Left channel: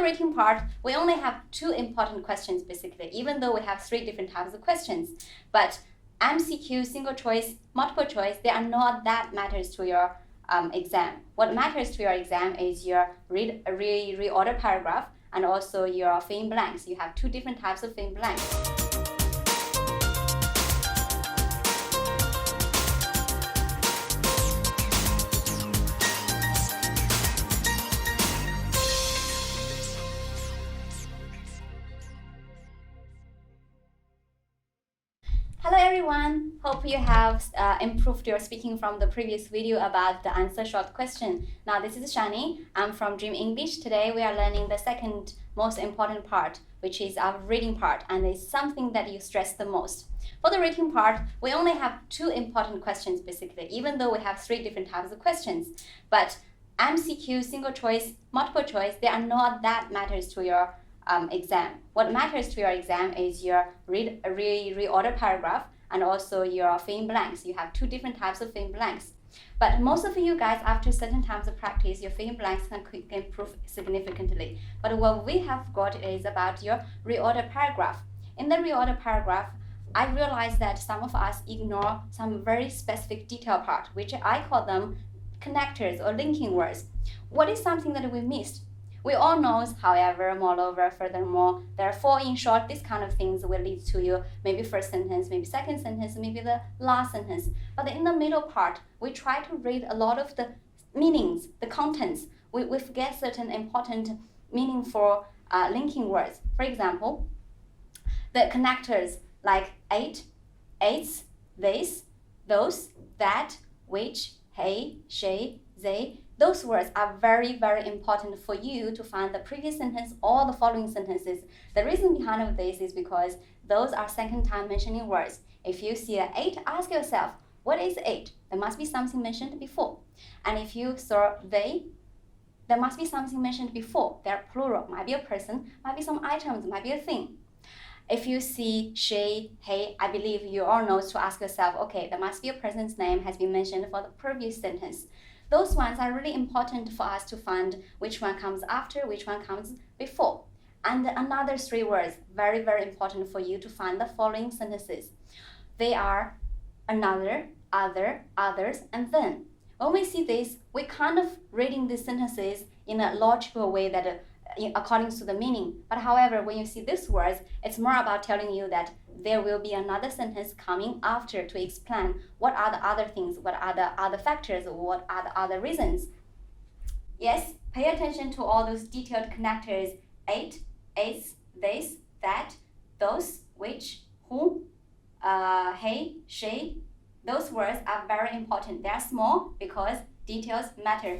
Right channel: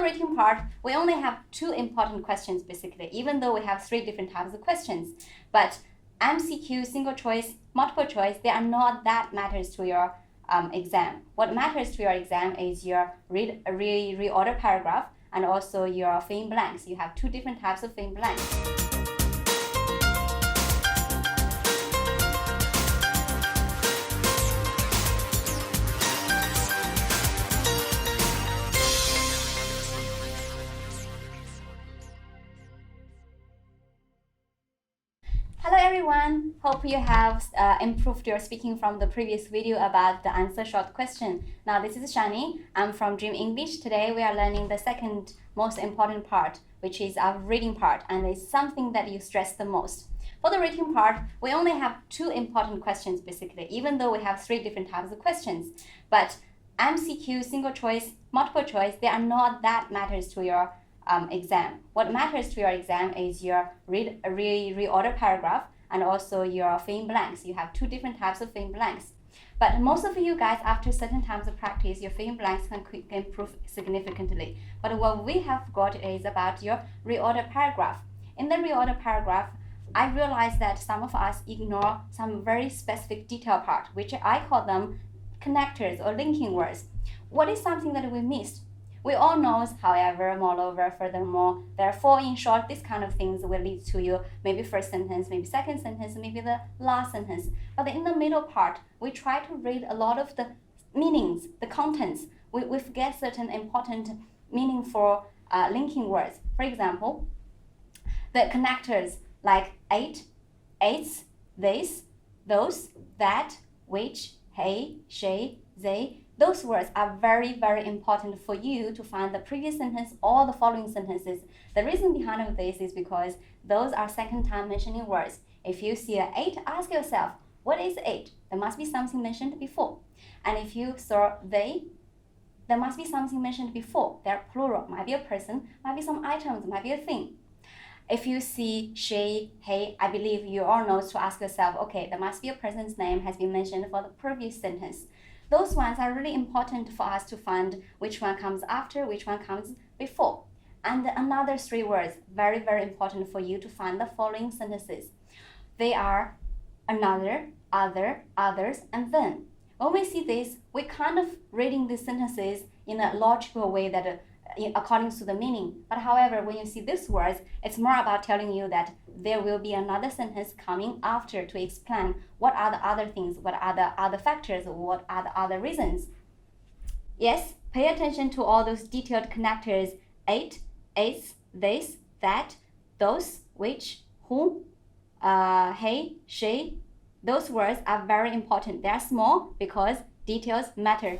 the rating part, we only have 2 important questions basically, even though we have 3 different types of questions. But MCQ, single choice, multiple choice, they are not that matters to your exam. What matters to your exam is your reorder paragraph and also your fill in blanks. You have 2 different types of fill in blanks. Hello everyone, hope you have improved your speaking from the previous video about the answer short question. Now this is Shaanee, I'm from Dream English. Today we are learning the second most important part, which is our reading part, and it's something that you stress the most. For the reading part, we only have 2 important questions basically, even though we have 3 different types of questions. But MCQ, single choice, multiple choice, they are not that matters to your exam. What matters to your exam is your reorder paragraph and also your fill in blanks. You have 2 different types of fill in blanks. But most of you guys, after certain times of practice, your fill in blanks can improve significantly. But what we have got is about your reorder paragraph. In the reorder paragraph, I realized that some of us ignore some very specific detail part, which I call them connectors or linking words. What is something that we missed? We all know, however, moreover, furthermore, therefore, in short, these kind of things will lead to you maybe first sentence, maybe second sentence, maybe the last sentence. But in the middle part, we try to read a lot of the meanings, the contents. We forget certain important meaning for linking words. For example, the connectors like ate, aids, this, those, that, which, he, she, they. Those words are very, very important for you to find the previous sentence or the following sentences. The reason behind this is because those are second time mentioning words. If you see an 8, ask yourself, what is 8? There must be something mentioned before. And if you saw they, there must be something mentioned before. They're plural, might be a person, might be some items, might be a thing. If you see she, he, I believe you all know to ask yourself, okay, there must be a person's name has been mentioned for the previous sentence. Those ones are really important for us to find which one comes after, which one comes before. And another 3 words, very, very important for you to find the following sentences. They are another, other, others, and then. When we see this, we kind of reading these sentences in a logical way that according to the meaning. But however, when you see these words, it's more about telling you that there will be another sentence coming after to explain what are the other things, what are the other factors, what are the other reasons. Yes, pay attention to all those detailed connectors: ate, is, this, that, those, which, who, he, she. Those words are very important. They are small because details matter.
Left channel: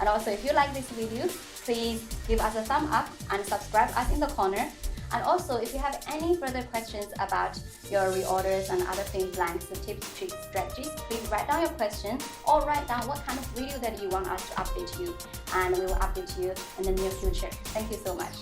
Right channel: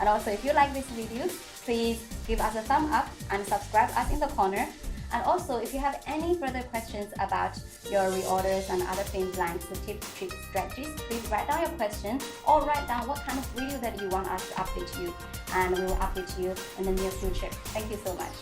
And also, if you like this video, please give us a thumb up and subscribe us in the corner. And also, if you have any further questions about your reorders and other fill in blanks, the tips, tricks, strategies, please write down your question or write down what kind of video that you want us to update you. And we will update you in the near future. Thank you so much.